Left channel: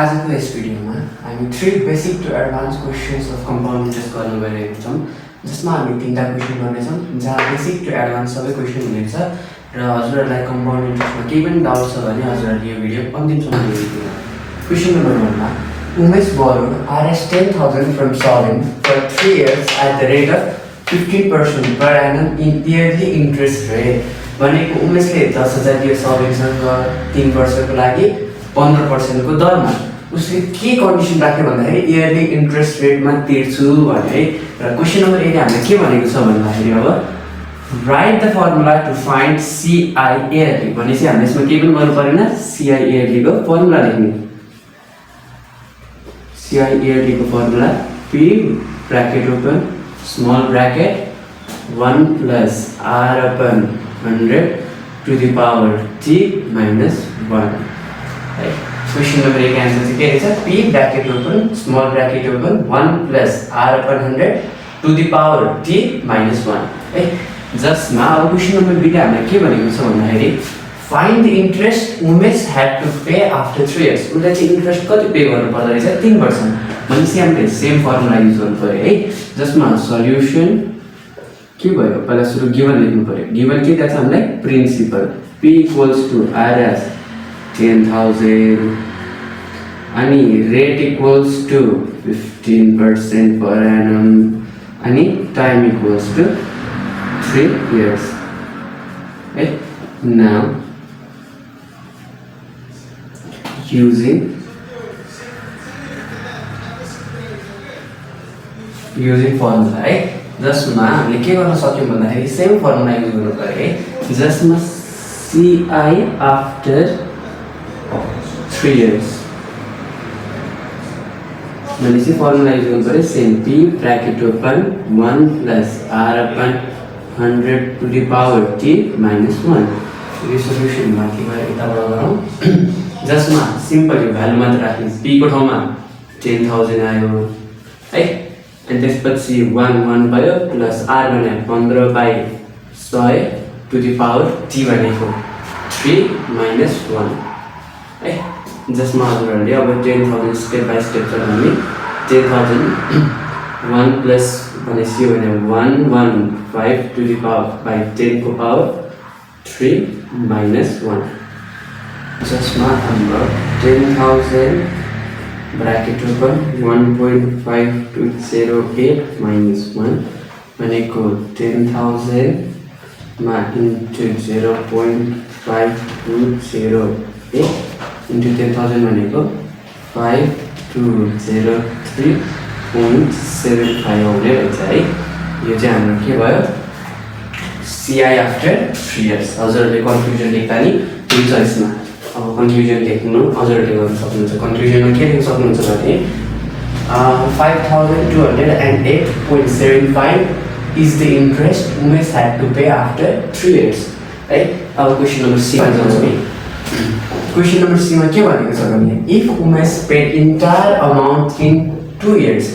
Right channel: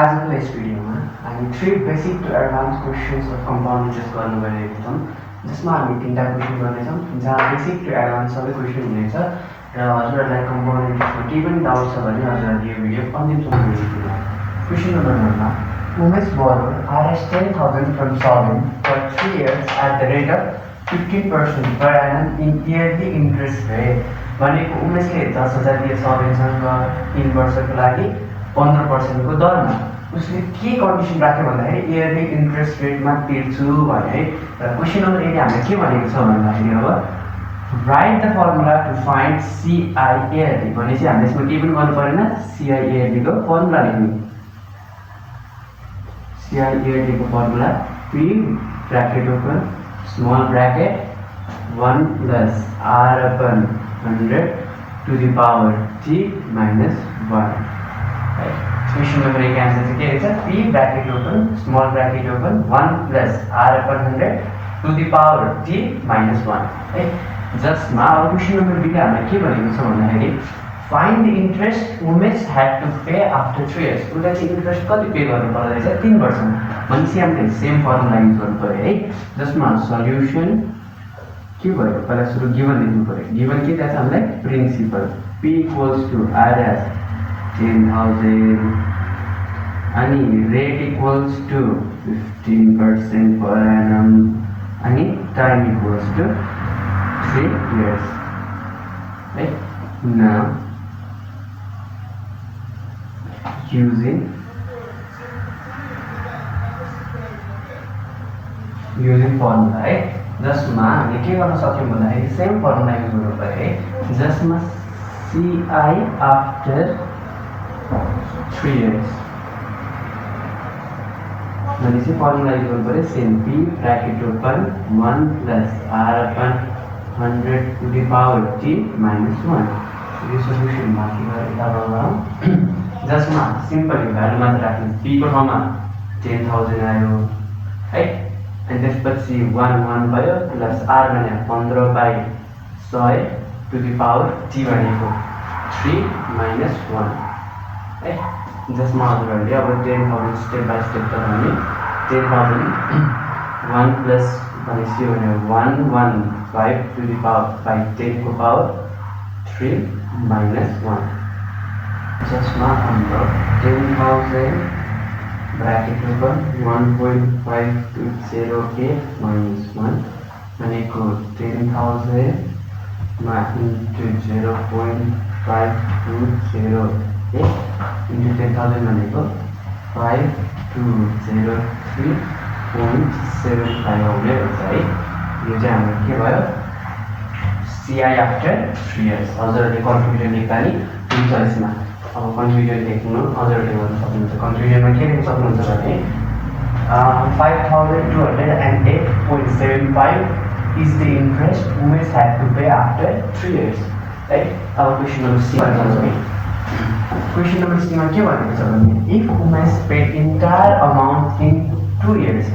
आजको यस भिडियोमा हामी 3 basic to advance questions of compound interest गर्न गइरहेका छौँ, जसमा हामी 3टा क्वेसन गर्नेछौँ, जहाँ बेसिक टु एडभान्स सबै क्वेसन हुनेछ र हजुरहरूलाई कम्पाउन्ड इन्ट्रेस्टमा केही पनि डाउट छ भने हजुरहरूले यो भिडियो अन्तिमसम्म हेरिदिनु। क्वेसन नम्बर 1 मा Umesh borrowed Rs 10,000 from Sovereign for 3 years at the rate of 15% per annum in yearly interest rate। भनेको उमेशले 10,000 दियो सभेनसँग 3 वर्षको लागि 15% को दरमा। उसले के कन्डिसन राख्यो भन्दाखेरि इयरली इन्ट्रेस्ट रेटमा तिर्छु भने है। र क्वेसन नम्बर 1 हामीले के भनेको छ भन्दाखेरि अब write the formula to find CI yearly भनेपछि हामीले यसमा के पनि गर्नु परेन, सीआई इयरली को फर्मुला लेख्नु। सीआई इयरली को formula P bracket open small bracket 1 plus R upon 100 to the power T minus 1। Question number 1 answer चाहिँ के रहेछ, P bracket open small bracket open 1 plus R upon 100 to the power T minus 1 है। जसमा अब question number 2 ले हामीले के भनेको छ भन्दाखेरि find the interest Umesh had to pay after 3 years। उसले चाहिँ इन्ट्रेस्ट कति पे गर्नु पर्दो रहेछ, 3 वर्षमा। भनेपछि हामीले सेम फर्मुला युज गर्नु पर्यो है, जसमा सल्युसन के भयो, पहिला सुरु गिवन लेख्नु पर्यो। गिवन के छ हामीलाई, principal P equals to Rs 10,000 अनि rate equals to 15% per annum अनि टाइम इक्वल्स टु 3 years है। नाउ using फर्मुला है, जसमा हामीले के गर्न सक्यौं भन्दाखेरि सेम फर्मुला युज गर्नु पर्यो है, जसमा CI आफ्टर 3 years भनेपछि फर्मुला युज गर्नु पर्यो same P bracket open 1 plus R upon 100 to the power T minus 1। यो सोल्युसन माथि गएर किताबमा गरौँ, जसमा सिम्पल यो भ्यालु मात्र राख्नु। P को ठाउँमा 10,000 आयो है, अनि त्यसपछि 1 भयो प्लस R भने 15/100 टु द पावर T भनेको 3 minus 1 है। जसमा हजुरहरूले अब 10,000 स्टेप बाइ स्टेप चलाउने। 10,000 1 प्लस भनेपछि भने 115 टु द पावर बाइ 10 को पावर 3 minus 1। जसमा हाम्रो 10,000 ब्रैकेट ओपन 1.5208 minus 1 भनेको 10,000 मा इन्टु 0.5208 इन्टु 10,000 भनेको 5203.75 आउने रहेछ है। यो चाहिँ हाम्रो के भयो, CI आफ्टर 3 years। हजुरहरूले कन्क्लुजन लेख्दा नि हुन्छ यसमा। अब कन्क्लुजन लेख्नु हजुरहरूले गर्न सक्नुहुन्छ। कन्क्लुजनमा के लेख्न सक्नुहुन्छ भने 5208.75 is the interest Umesh had to pay after 3 years है। अब क्वेसन नम्बर सी मा जान्छौँ। क्वेसन नम्बर सी मा के भनेको छ भने if Umesh paid entire amount in 2 years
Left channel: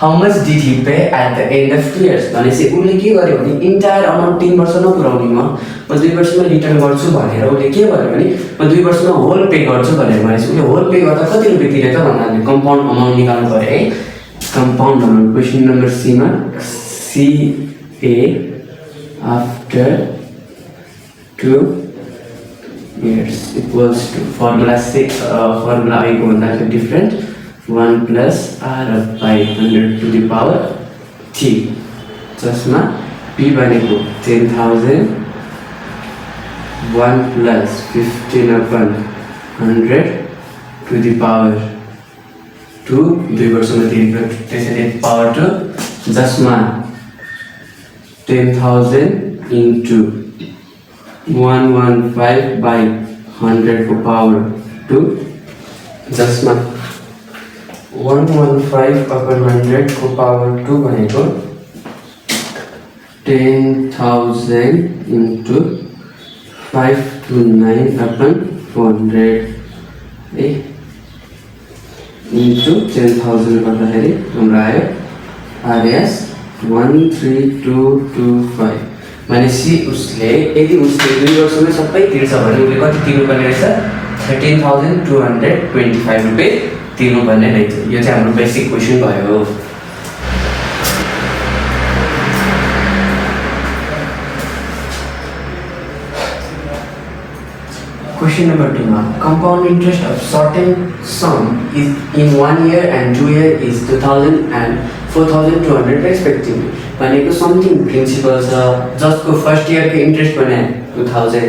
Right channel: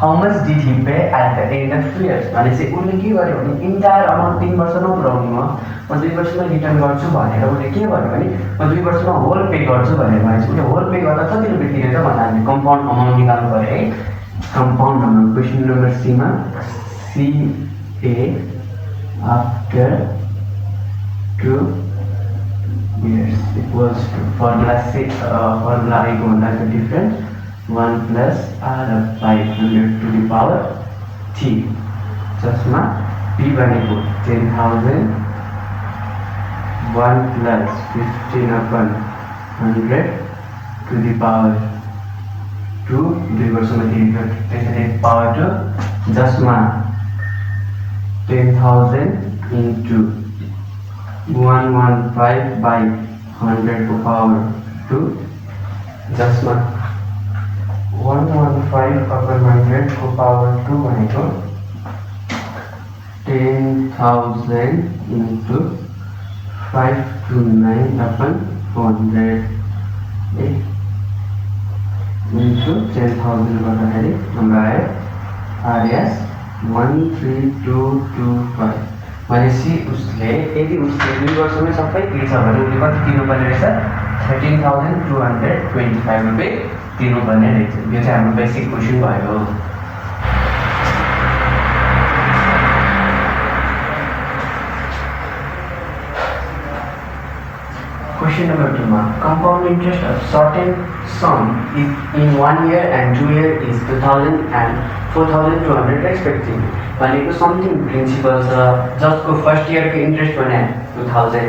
how much did he pay at the end of 2 years। भनेपछि उसले के गर्यो भने इन्टायर अमाउन्ट 3 वर्ष नपुराउने म 2 वर्षमा रिटर्न गर्छु भनेर उसले के गर्यो भने म 2 वर्षमा होल पे गर्छु भनेर भनेपछि उसले होल पे गर्दा कति रुपियाँ तिरेछ भन्दा हामीले कम्पाउन्ड अमाउन्ट निकाल्नु पर्यो है। Compound amount question number C मा CA after 2 years equals to formula आएको भन्दा different 1 plus R by 100 to the power T। जसमा P भनेको 10,000 1 plus 15 upon 100 to the power 2 2 वर्षमा तिरेको त्यसैले पावर 2, जसमा 10,000 into 115 by 100 को पावर 2, जसमा 115 upon 100 को पावर 2 भनेको 10,000 into 529 upon 400 है, into 10,000 गर्दाखेरि हाम्रो आयो RS 13225। भनेपछि उसले यदि उसले 2 वर्षमै सबै तिर्छ भने उसले कति तिर्नुपर्ने रहेछ, 13,225 रुपियाँ तिर्नुपर्ने रहेछ। यो चाहिँ हाम्रो बेसिक क्वेसन भयो। Question number 2 ma, compound interest of certain sum is in 1 year and 2 year is 2,000 and 4,200 respectively. भनेको समथिङ प्रिन्सिपल छ जसको फर्स्ट इयरको इन्ट्रेस्ट भने 2000,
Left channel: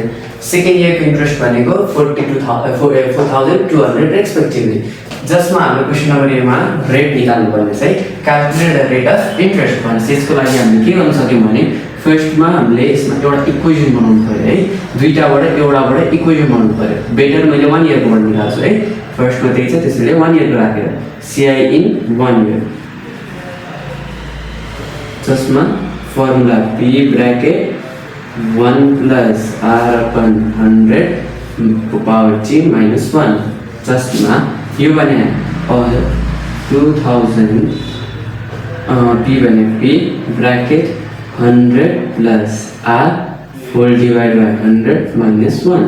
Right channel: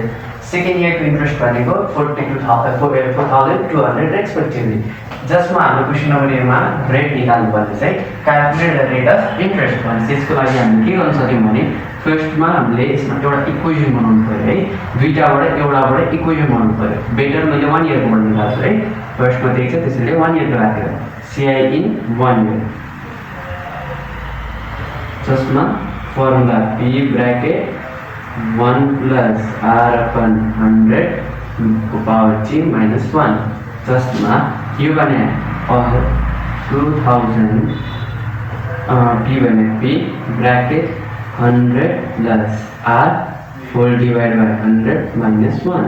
सेकेन्ड इयरको इन्ट्रेस्ट भनेको 4,200 रेस्पेक्टिभली। जसमा हाम्रो क्वेसन नम्बर एमा रेट निकाल्नु पर्ने चाहिँ calculate the rate of interest भनेपछि यसको लागि हामीले के गर्न सक्यौँ भने फर्स्टमा हामीले यसमा एउटा इक्वेसन बनाउनु पर्यो है, दुईटाबाट एउटाबाट इक्वेसन बनाउनु पर्यो। बेटर मैले 1 इयरकोबाट निकाल्छु है, फर्स्टमा त्यही छ त्यसैले 1 इयरको राखेर CI इन 1 इयर, जसमा formula P bracket 1 plus R upon 100 को पावर T माइनस 1, जसमा यो भने 2000 P भने P bracket 100 plus R whole divide by 100 minus 1,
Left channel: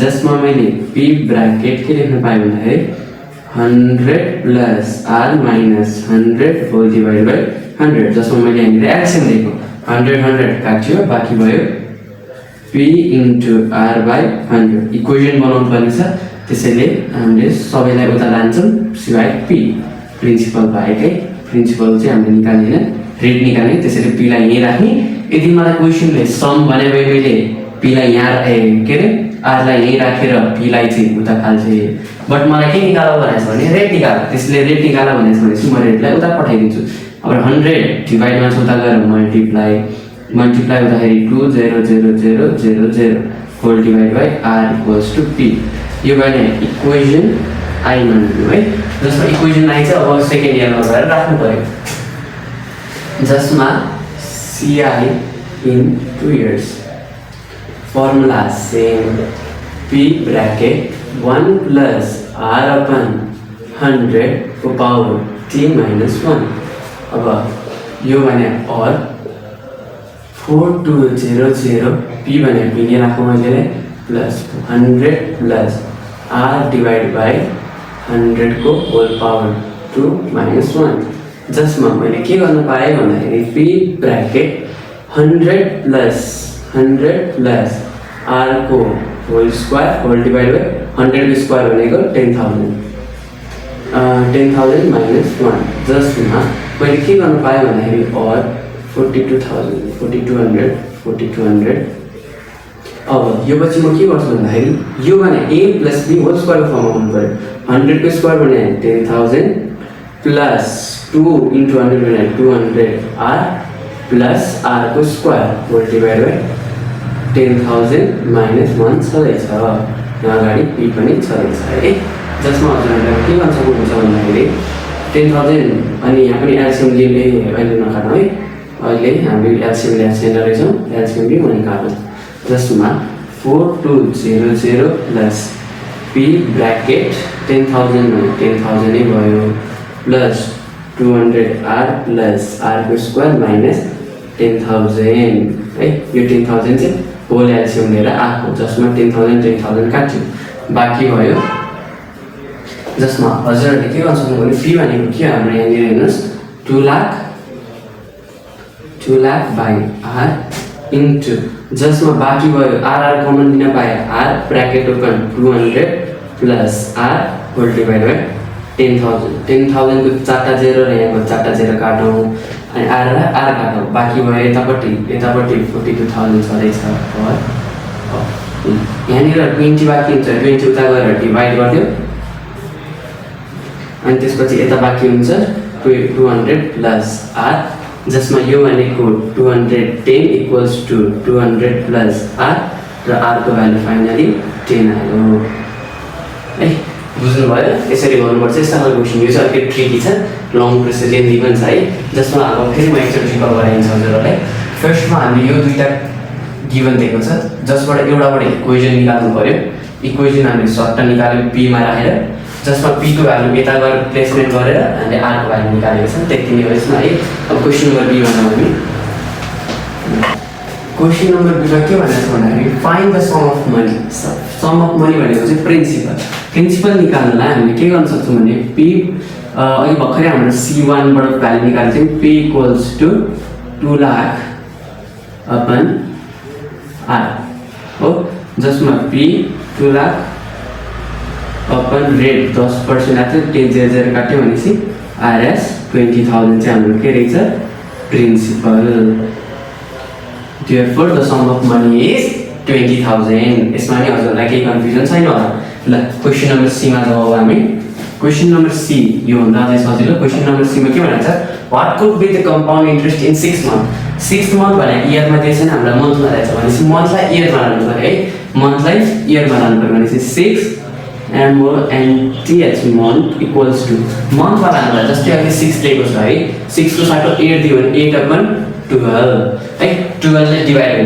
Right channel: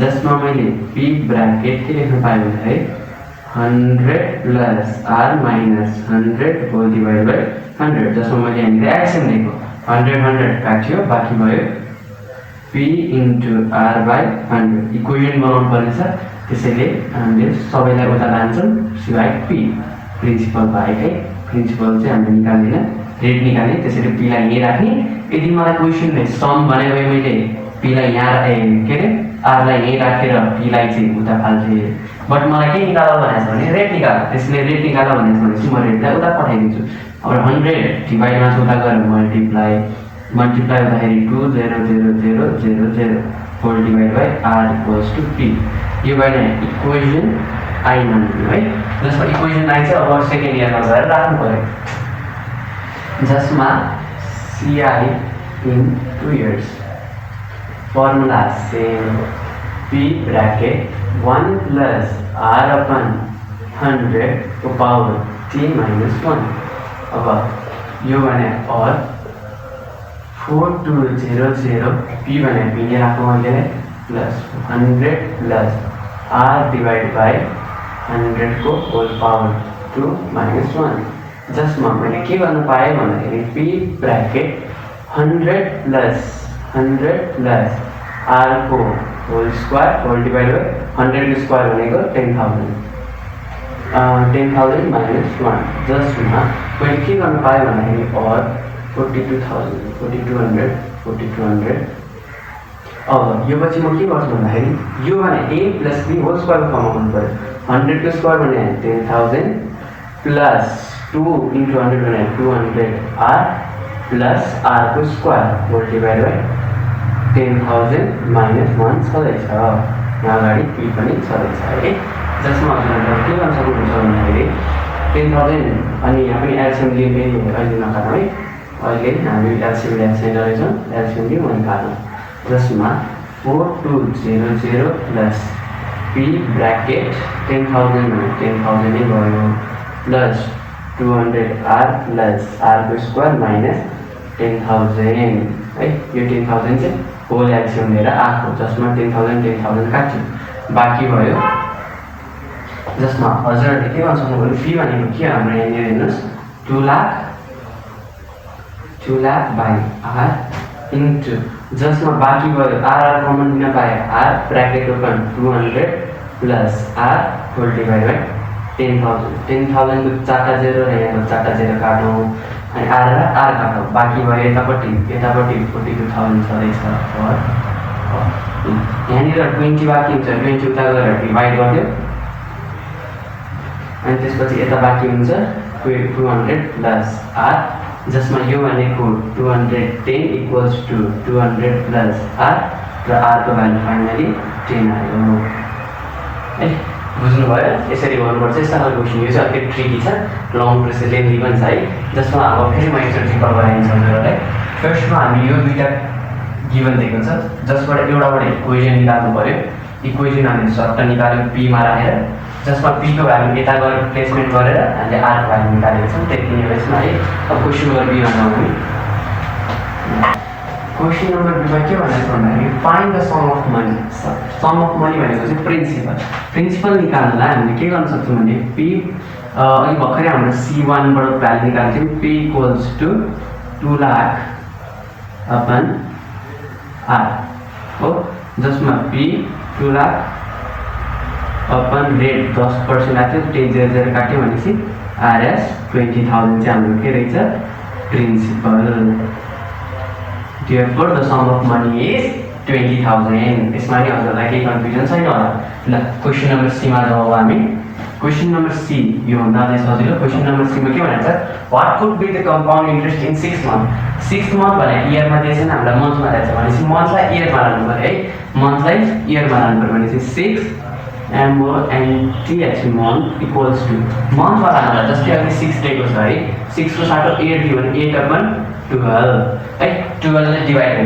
जसमा मैले P ब्रैकेट के लेख्न पाएँ भन्दाखेरि 100 plus R minus 100 whole divide by 100, जसमा मैले यहाँनिर एल्सियम दिएको 100 काट्यो, बाँकी भयो P into R by 100। Equation बनाउनु पर्ने छ, त्यसैले हामीले सबैलाई उता लान्छौँ सिवाय P। प्रिन्सिपल भएकै प्रिन्सिपल चाहिँ हामीले निकाल्दैन, रेट निकाल्ने, त्यसैले P लाई यहीँ राख्ने। यदि मलाई क्वेसनले सम भने भए मैले P लाई यहाँ के अरे R लाई यहीँ राखेर P लाई चाहिँ उता फाल्छे, बट मलाई के निकाल भनेको छ भने रेट निकाल, त्यसले रेट निकाल भनेको छ भनेपछि म रेटलाई उता पठाइदिन्छु। अब 100 डिवाइडमा उता गएर मल्टिप्लाई हुँदाखेरि 2000000 whole divide by R equals to P। यो भने इक्वेसन आई मान्नु है, जसमा इक्वेसन आई चाहिँ अब सेकेन्ड इयरमा गएर राख्नु पर्यो, जसमा CI in 2 years formula same P bracket 1 plus R upon 100 को पावर T माइनस 1। अब यो भने और 4200 P भने P ने राखौँ मैले plus 100 plus R divide by 100 को होल पावर 2 माइनस 1, जसमा मैले के गर्न पाएँ भन्दाखेरि P ब्रैकेट 100 प्लस R को whole square whole divide by 100 को स्क्वायर भनेको 10,000 माइनस 1, जसमा मैले के गर्न पाएँ भन्दाखेरि और 4200। अब यो पछि म के गर्छु भन्दाखेरि यो भने A प्लस B होल स्क्वायरको फर्ममा हुनु पर्यो। 100 को स्क्वायर भने 10,000 प्लस 2 इन्टु 100 भने 200 R प्लस R को square whole divide by 10,000 minus 1 छँदैछ, यहाँ अगाडि P पनि छँदैछ है, जसमा हजुरहरूले के गर्न सक्नुहुन्छ भन्दाखेरि 10,000 अनि यहाँ पनि एल्सियम लिएँ अहिले नकाट्नु है, अहिले हामीले एल्सियम ल्याएको छैन रहेछौँ, एल्सियम लिउँ अनि काट्नु, जसमा 4200 प्लस P ब्रैकेट 10,000 नै भयो प्लस 200 R प्लस R को स्क्वायर माइनस 10,000 है। यो 10,000 चाहिँ होल एल्सियम लिएर आएको, जसमा 10,000 काट्यो, बाँकी भयो, जसमा हजुरहरूले के गर्न सक्नु भने P भनेको के हाम्रो यहाँनिर हेर्नुहोस् 2 लाख बाई R इन्टु, जसमा बाँकी भयो R कमन लिन पाए R bracket open 200 plus R whole divide by 10,000 को 4टा 0 र यहाँको 4टा 0 काटौँ अनि R र R काटौँ, बाँकी भयो यतापट्टि 42,000 छँदैछ। यहाँनिर 20 बाँकी हुन्छ, 20 उता गएर डिभाइड गरिदियो अनि त्यसपछि यता बाँकी हुन्छ 200 प्लस R, जसमा यो भनेको 210 इक्वल्स टु 200 प्लस R र R को भ्यालु फाइनली 10 आयो है। बुझ्नुभयो? यसरी गर्नुपर्छ। यस्ता खालको क्वेसन यो चाहिँ अलिकति ट्रिकी छ, लङ प्रोसेस लेन्थी पनि छ है, जसमा अब फेरि म एकचोटि रिकल गराइन्छ हजुरहरूलाई। फर्स्टमा हामीले यो दुईटा गिभन दिएको छ, जसबाट एउटाबाट इक्वेसन निकाल्नु पर्यो। इक्वेसन हामीले सर्टमा निकाल्यो P मा राखेर, जसमा P को भ्यालु यता गएर प्लेसमेन्ट गरेर हामीले R को भ्यालु निकालेको छौँ। त्यति नै हो यसमा है। अब क्वेसन नम्बर B भन्दा हामी क्वेसन नम्बर B मा के भनेको छ भन्दाखेरि find the sum of money sum of money भनेको चाहिँ प्रिन्सिपल निकाल्नलाई हामीले के गर्न सक्छौँ भने पी अघि भर्खरै हाम्रो C1बाट भ्यालु निकालेको थियौँ P equals to 2 lakh upon R हो, जसमा P 2 लाख अपन रेट 10% आएको थियो, 10,000 काट्यो भनेपछि RS 20,000 चाहिँ हाम्रो के रहेछ principal. Therefore the sum of money is 20,000। यसमा नि हजुरलाई केही कन्फ्युजन छैन होला। ल क्वेशन नम्बर C मा जाउँ हामी। क्वेशन नम्बर C यो भन्दा अझै सजिलो। क्वेशन नम्बर C मा के भनेको छ, what could be the compound interest in 6 month. 6 month भने इयरमा दिएछ नि, हाम्रो मन्थमा रहेछ भनेपछि मन्थलाई इयरमा लानु पर्यो है, मन्थलाई इयरमा लानु पर्यो भनेपछि 6 MONTH month equals to मन्थमा लानु पर्यो। जस्तै अघि 6 दिएको छ है, 6 को साथमा 8 दियो भने 8 अपन 12 है, 12 ले डिवाइड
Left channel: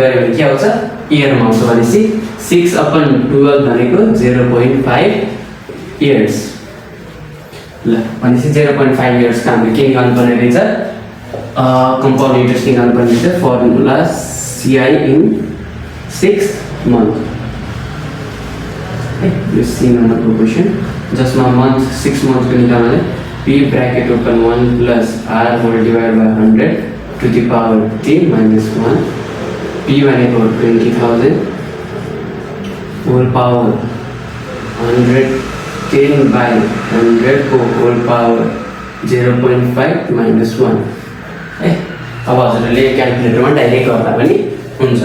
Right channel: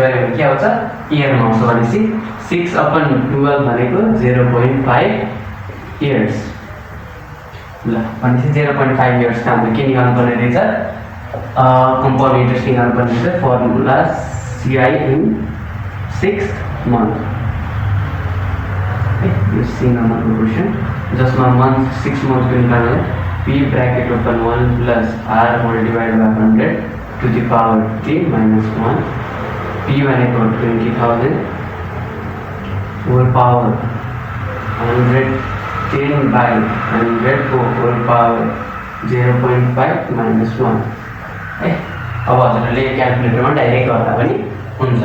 गऱ्यो भने के आउँछ इयरमा आउँछ भनेपछि 6 अपन 12 भनेको 0.5 इयर्स। ल भनेपछि 0.5 इयर्स का हामीले के निकाल्नु पर्ने रहेछ, कम्पाउन्ड इन्ट्रेस्ट निकाल्नु पर्ने रहेछ। फर्मुला CI इन 6 मन्थ यो C नम्बरको क्वेशन, जसमा मन्थ 6 मन्थको निकाल्नलाई P bracket open 1 plus R whole divide by 100 to the power T minus 1। P भनेको 20,000 होल पावर 110 बाई 100 को होल पावर 0.5 माइनस 1 है। अब हजुरले क्याल्कुलेटरमा डाइरेक्ट गर्दा पनि हुन्छ।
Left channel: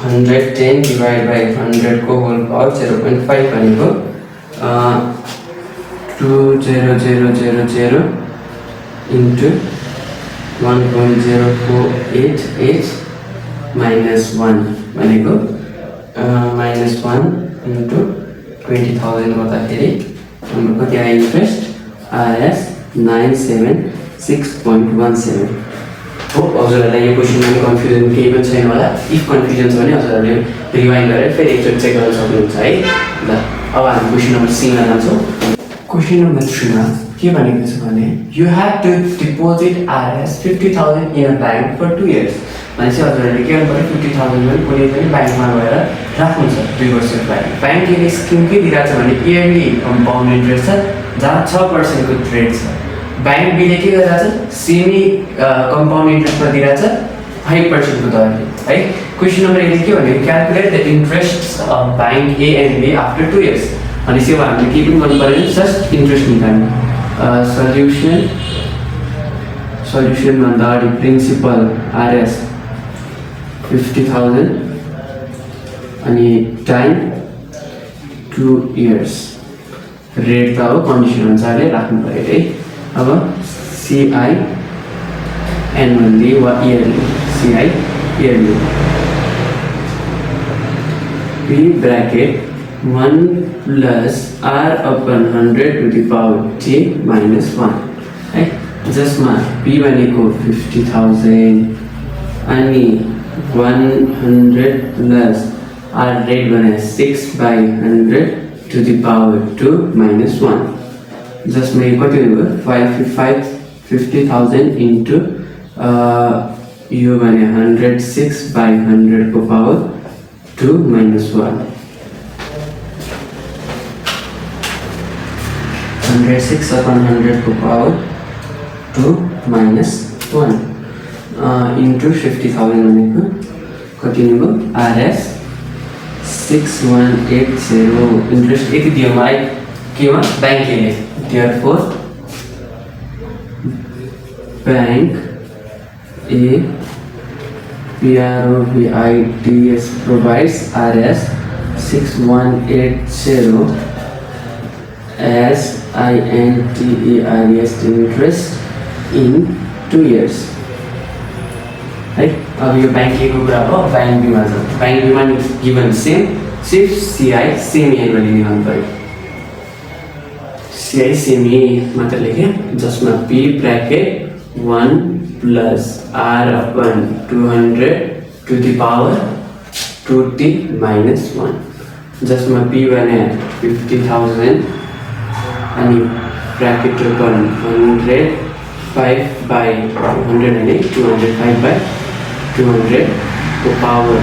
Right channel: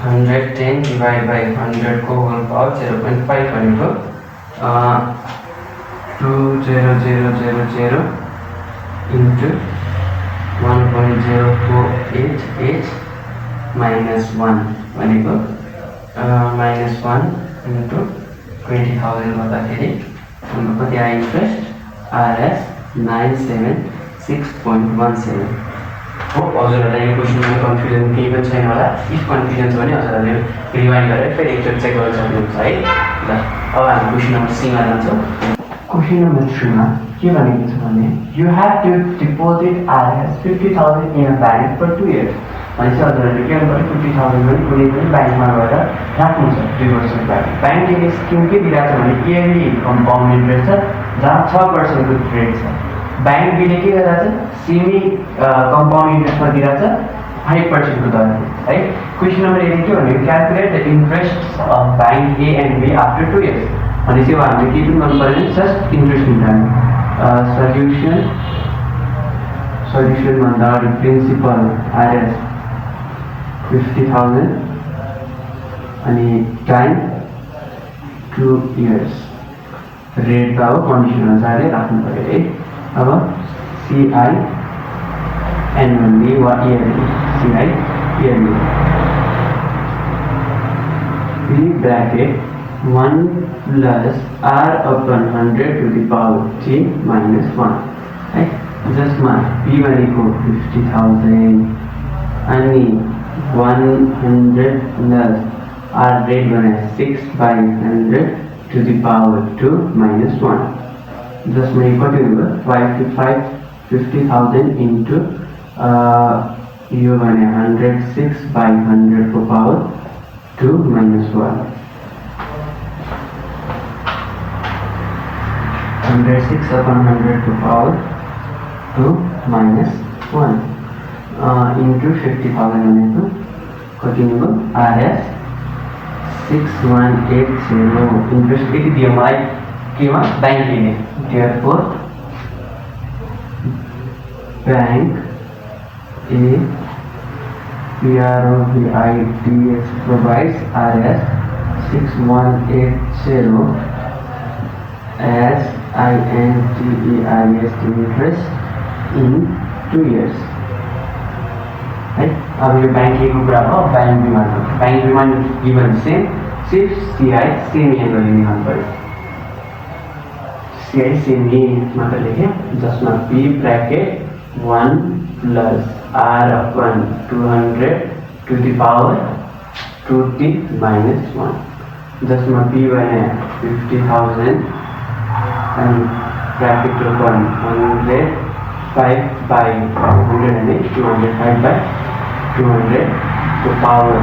110 डिवाइड बाई 100 को होल पावर 0.5 भनेको 20000 into 1.0488 minus 1 भनेको -1 into 20,000 गर्दाखेरि हाम्रो कति आयो इन्ट्रेस्ट RS 976.17 हो। हजुरहरूलाई यो क्वेसनमा कन्फ्युजन केही पनि छैन होला। इफ कन्फ्युजन छ भने हजुरहरूले रिवाइन्ड गरेर फेरि एकचोटि चेक गर्न सक्नुहुन्छ है। ल अब हामी क्वेसन नम्बर C मा जान्छौँ। क्वेसन नम्बर 3 मा के भनेको छ भने you have to deposit RS 50,000 in a bank for 2 years. भनेपछि हजुरहरूले के गर्नु पर्यो, 50,000 पनि कुनै पनि ब्याङ्कमा गएर राख्नुहुन्छ 2 वर्षको लागि। ब्याङ्कले स्किम के दिइरहेको छ भने इयरली कम्पाउन्ड इन्ट्रेस्ट छ, जहाँ 6% को रेट छ। बैंक बीले के गरिरहेछ, सेमी कम्पाउन्ड इन्ट्रेस्टमा दिइरहेछ 5% को दरले है। क्वेसन नम्बर 8 के भनेको calculate the interest of bank A and B after 2 years. भनेपछि अब हामीले के पनि गर्नु पर्यो, जस्ट इन्ट्रेस्ट निकाल्नु। सल्युसन भन्दा अगाडि प्रिन्सिपल RS 50,000 अनि टाइम 2 इयर्स, रेट त अब कन्डिसन अनुसारले राख्नु पर्यो है। अब CI एनुअली वा yearly, CI yearly P bracket 1 plus R upon 100 to the power T minus 1 है, जसमा P भनेको 50,000 अनि 100 प्लस R रेट भने 6/100 टु द पावर 2 माइनस 1, जसमा यो कति हुनुभयो 50,000 इन्टु यो भने 106/100 को पावर 2 माइनस 1, 106/100 को पावर 2 माइनस 1 इन्टु 50,000 भनेको कति हुनुभयो RS 6180। इन्ट्रेस्ट यति दियो मलाई केमा, ब्याङ्कले। Therefore bank A PROVIDS provides RS 6180 as INTEREST interest in 2 years है। अब यो बैंक A को कुरा हो, बैंक B मा छ। बैंक B मा गिभन सेम, सिर्फ CI सेम एनुअली निकाल्नु पर्यो। CI सेमी मात्र लेखेँ, जसमा P bracket 1 plus R upon 200 to the power 2T minus 1, जसमा P भने 50,000 अनि ब्रैकेट ओपन 100 5/100 अनि 200 5/200 को पावर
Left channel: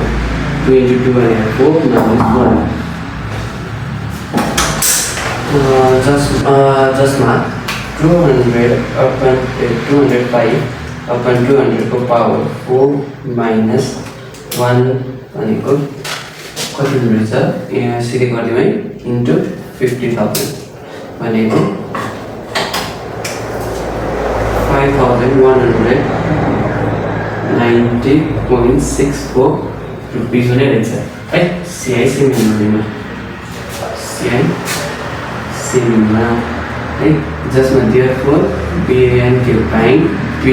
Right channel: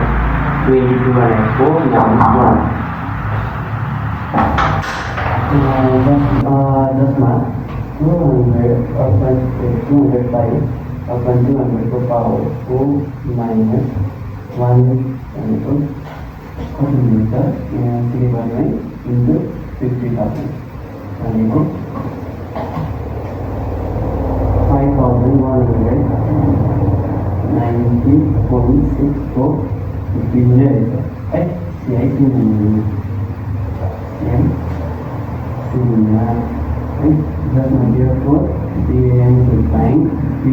2 into 2 and 4 minus 1. जसमा 200 upon 205 upon 200 को पावर 4 minus 1 भनेको कति हुनेछ यहाँ सिधै गरिदिउँ है इन्टु 50,000 भनेको 5,190.64 रुपिस हुने रहेछ है सिआई सिमिनमा है जसमा therefore BNK Bank B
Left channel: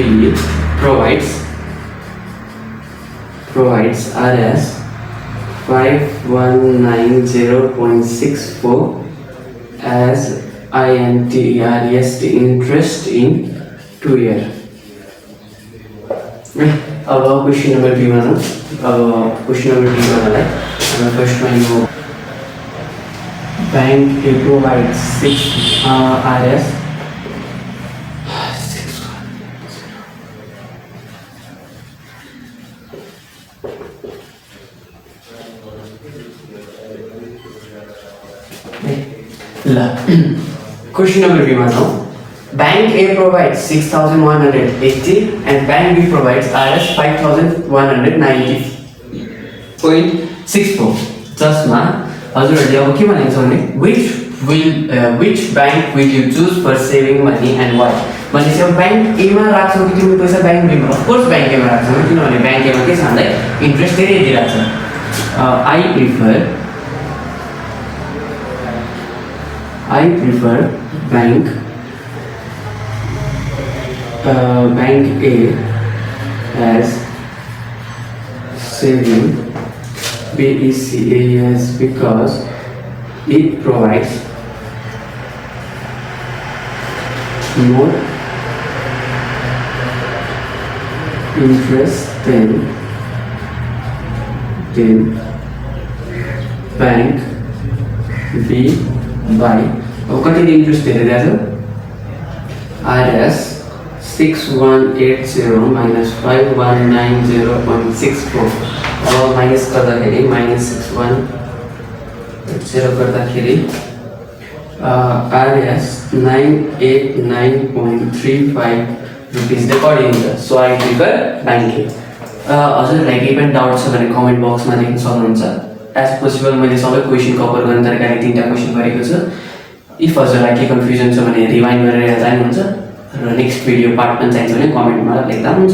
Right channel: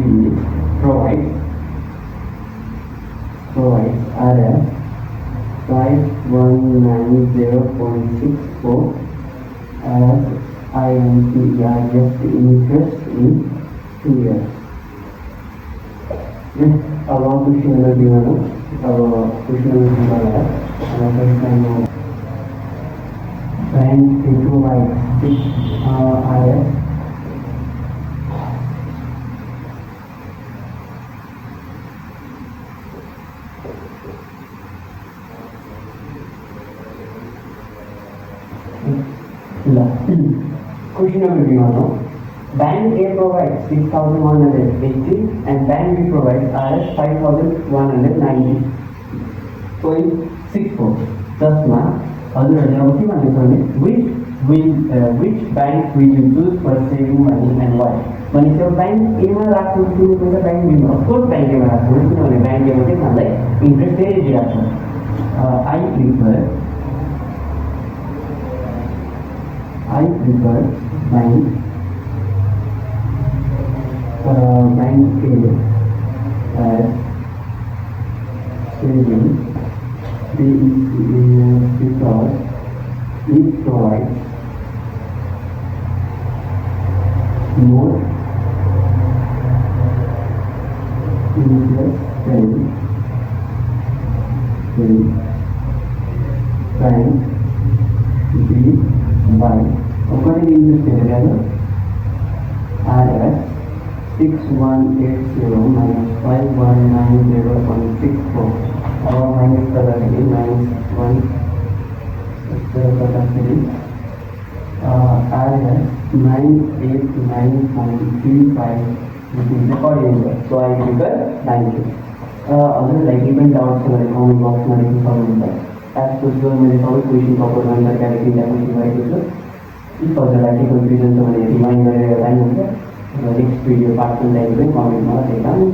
provides RS 5190.64 as INTEREST interest in 2 year. अब क्वेश्चन नंबर बी में क्वेश्चन नंबर बी में फर्स्ट में यो बैंक ए provides 6 RS Question number B में Bank A provides 6,180 and Bank B provides RS 5,190.64. जसमा हजुरहरूले अब के भनेको छ भने which bank will you choose for saving money and why? भनेपछि अब बैंक ए मा राख्छौ कि तिम्रो पैसा बैंक बी मा? अफ कोर्स बैंक ए मा राख्छौ किनभने बैंक ए मा के छ भन्दा इन्ट्रेस्ट धेरै दिइराछ. I prefer bank A as saving BECAS because it provides more interest than bank B by कति इन्ट्रेस्ट हेरिरहेको RS 6180 minus 5190.64 अब माइनस गर्दाखेरि minus 6180 गर्दाखेरि RS 989.35 रुपिस रेकर्ड हुन्छ. सो आई प्रिफर बैंक ए. हजुरहरूलाई केही पनि डाउट छ भने कमेन्ट बक्समा लेख्न सक्नुहुन्छ. एज पोसिबल मैले सबै क्वेसन कभर गर्ने तरिकाले 3टा क्वेसन गरेको छु. इफ हजुरलाई के कन्फ्युजन छ भने रिमाइन्ड गरेर जानुहुन्छ र नेक्स्ट भिडियो पार्ट पनि चाहिन्छ भने कमेन्टमा लेख्दा हुन्छ.